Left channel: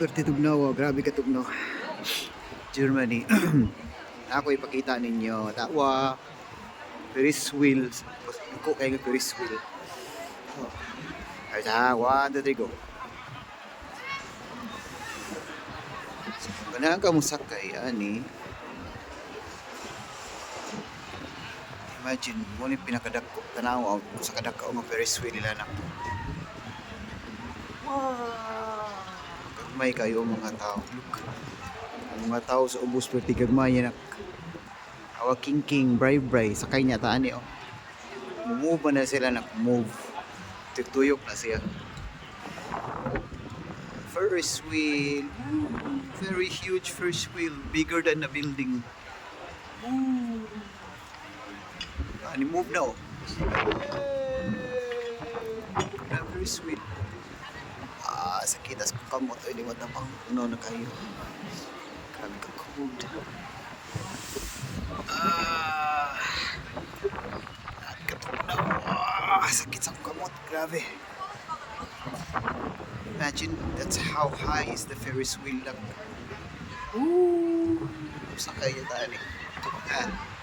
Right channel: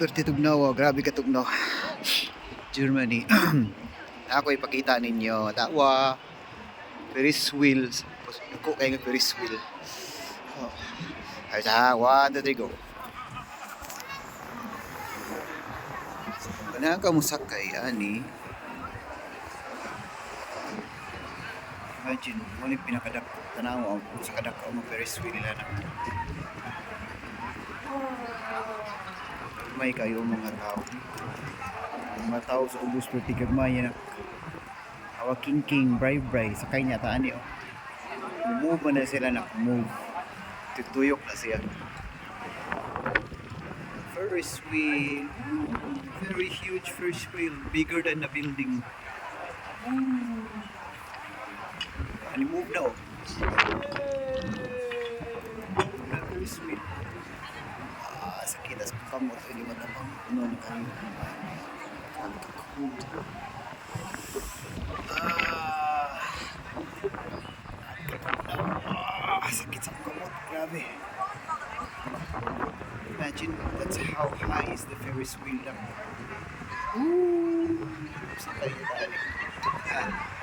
Perti tugnaw, oh. Grabe ka tugnaw. Germany. Ako ipakita ninyo. Tawa. Ferris wheels. Ko kayo ng Ferris wheel. Oh. Ay, sa 1, 2, 3, go. Ganahan ka mo sakay, ani. Imagine, mo ni pinakadako. Tanaw, sa kadako ang Ferris wheel nila na. May kayo mga tao. Ang mga tao sa ubos perti gagmay na. Awa king bray sakay niya taan ni oh. Move na sila na move. Tutuyok na siya. Ferris wheel. Very huge Ferris wheel, bigger than a building. Ani move na oh. Na Ferris wheel. Sakit as kung kamot ay limot na pang uno na kayo. Kagkakod. Sakit sa akong kamot, grabe. Imagine, that's how high is the Ferris wheel lang. Sakay na tayo.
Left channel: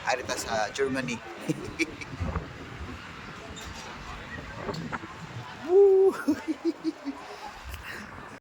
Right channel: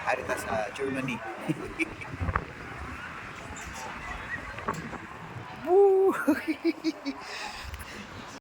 Harita sa Germany. Woo!